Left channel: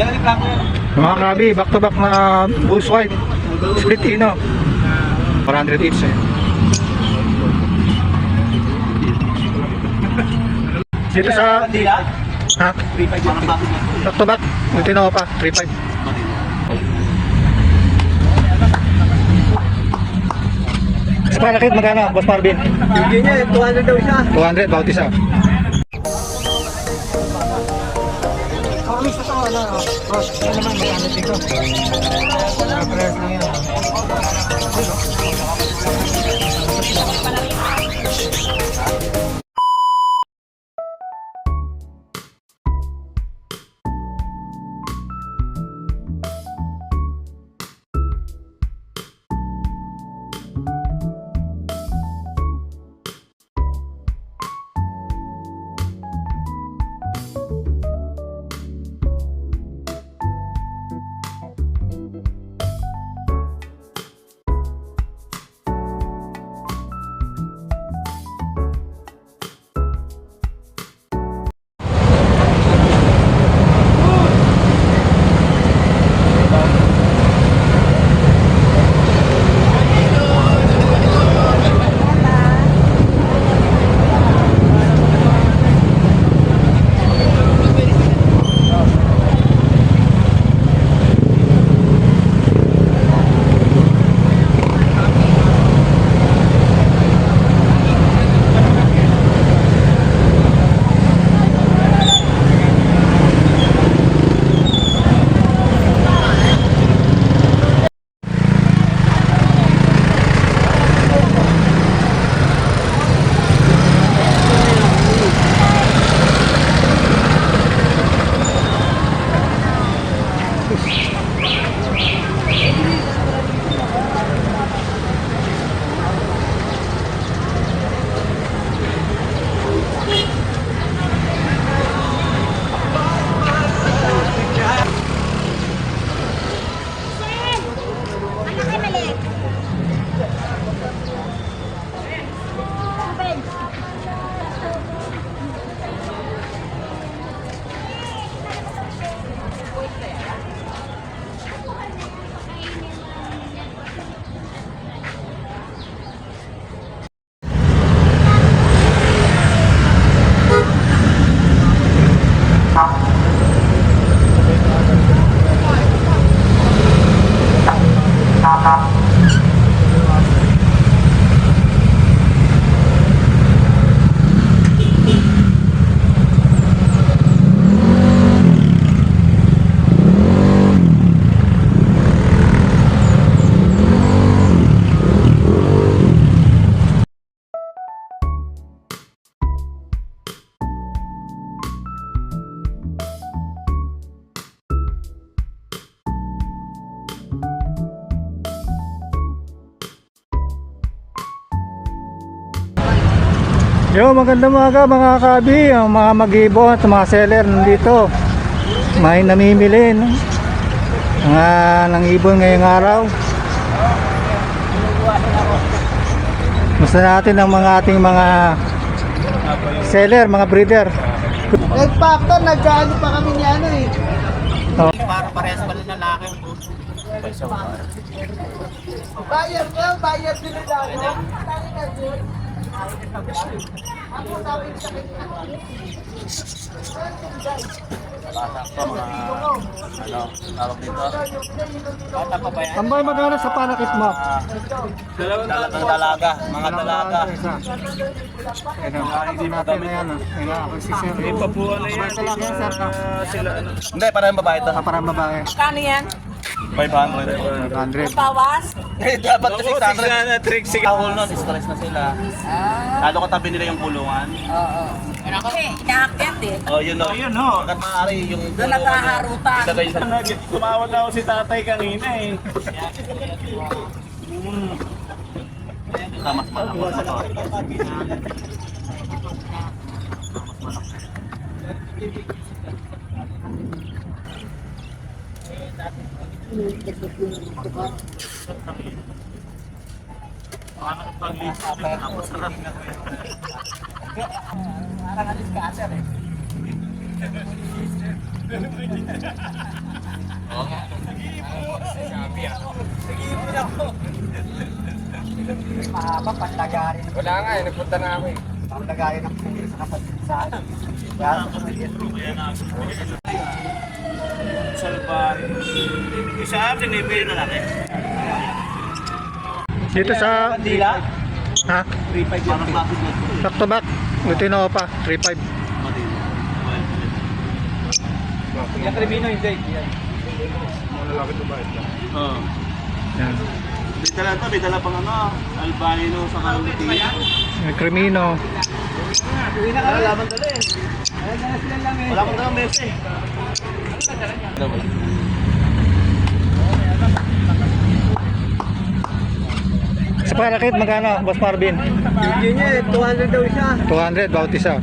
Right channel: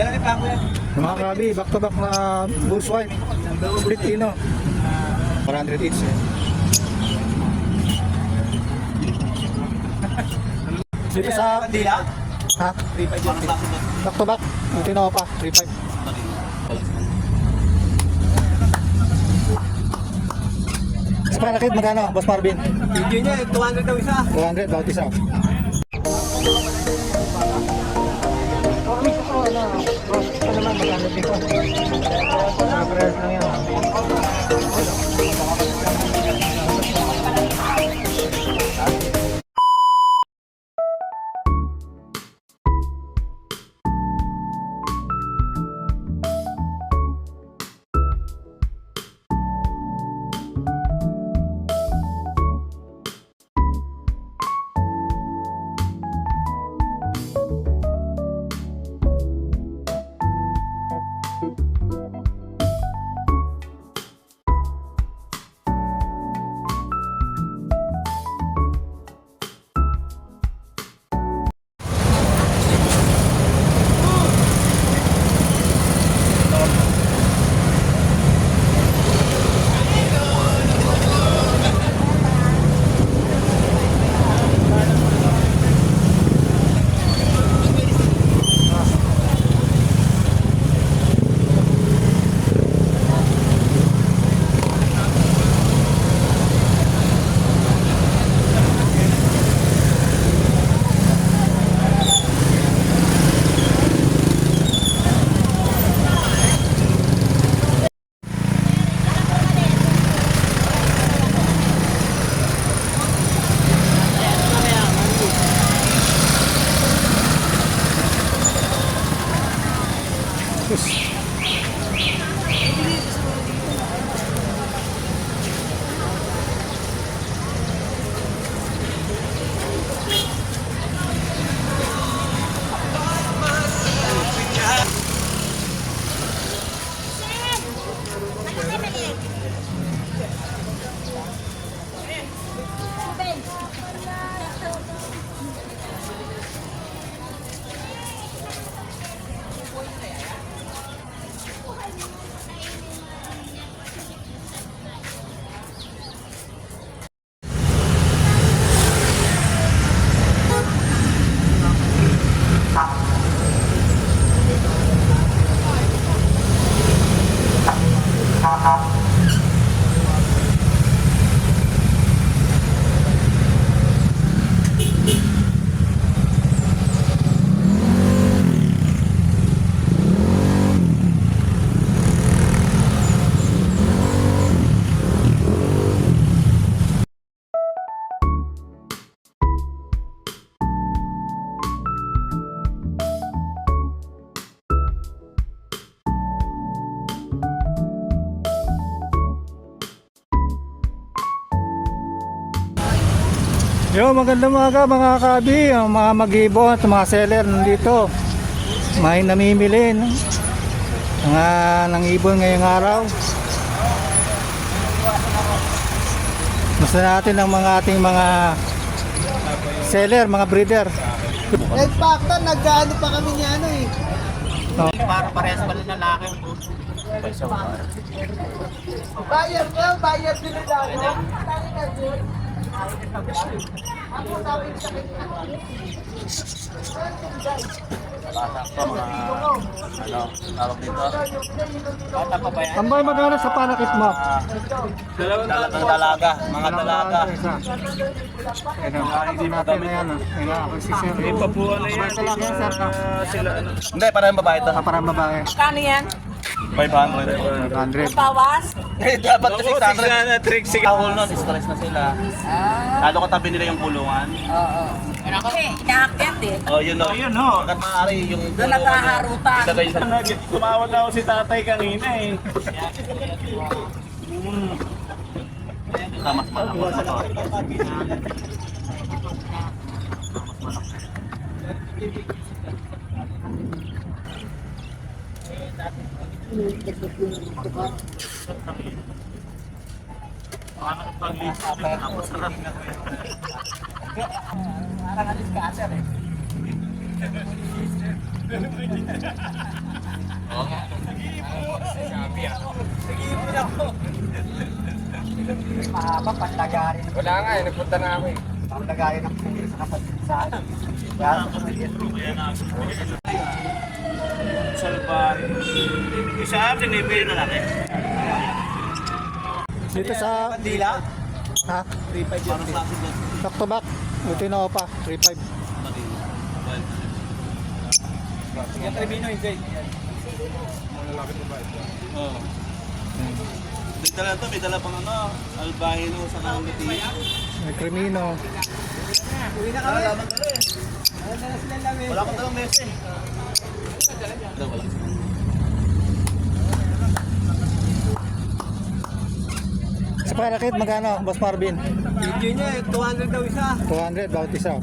Mga krabi, back to back na Bulls White. Split Ino. 400 each eh. Dito sa... Ha? Back to back. Dito na pa. 3.5. Sa palakit magkano, Boss Marvin? Hindi niya, 200 daw isa. 200, bawat isa. Yo, magandang umaga mga kabi, ang mga mag-ibon at mga seller nandito. May namimili no? Mga nang ibon ngayong araw. Gusto natin ang mga ating mga seller, mga breeder. Nagpakta, nagkaano pa kami niya ano eh. Oh. Para parehas pala na laki. Bayar ko, bayar din nila ako. Ako sabi sa kanya. Tawag dito. Bata pa ba yan? Tambay magkano sa panakit mo? Dalagang dalaga, mga dalaga. Hindi natin na yan. Ako si Sir. Ipabuhan na yan. Basta lang yan, Sir. Hindi, parang babae ito. Parang babae. Kano yan? 500. 100. Bawas? Eh, dapat kasi 600. Kahul nun, stress na sila. Lalo katabi nila yung kulungan. Oo. Kasi inaakyat eh. Oh, yun o. Yun o. Hanggat maaari yung Doon nagkaharutan. ilagay sa... Tumawad ako si tatay kanina eh. Tamas pa lang. Parang alis ka, sir eh. Mahaba, panlagarin. Wala nga eh, nagpunta na ako eh. Panlagarin ng pulis sa kapatinsan. Kaya Salbahe. Isa, tinibay na lang eh. Dito sa... Dila. Ha? 3.5 parang klase dyan. Back to back. Lutino pa. 3.5. Yan, Trevino yung Jake. Oo. Yan. May dala to, may dala pang ano, albino sa Carlotino. May Crimino. Wala bang dala eh. Wala bang dalang bese. Wala. Sa parakit, magkano, Boss Marvin? yun niya, 200 daw siya. 200, bawat isa.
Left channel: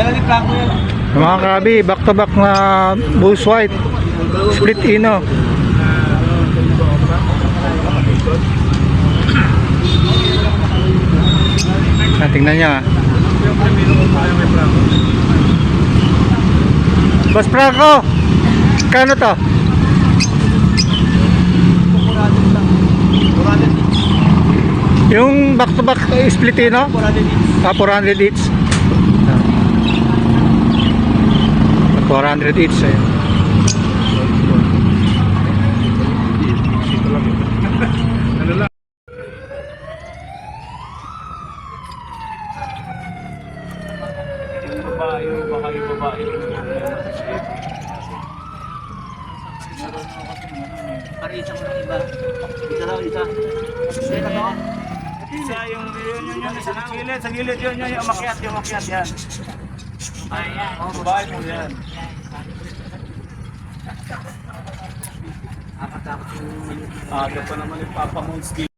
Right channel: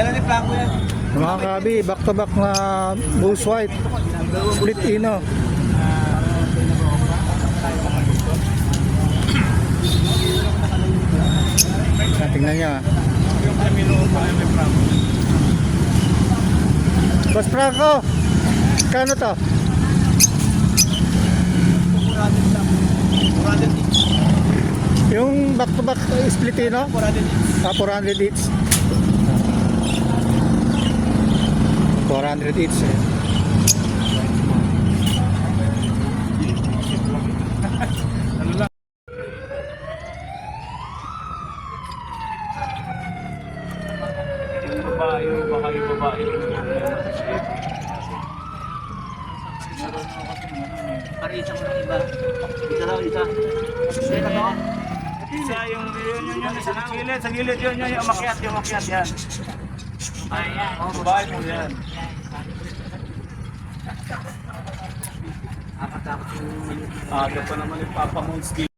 Yan ang plako yan. Mga kabi, back to back na Bulls White. Split Ino. Tingnan niya. Boss Franco, kano to? Yung back to back split Ino? 400 each. 400 each eh. Yung babae. Parisa mo ng iba. Isa raw, isa. Isa na to. Isa yung sa gilid yun, yung umakyat yan. Ang babae mo yan. Aga pa naman yung Papa Monski.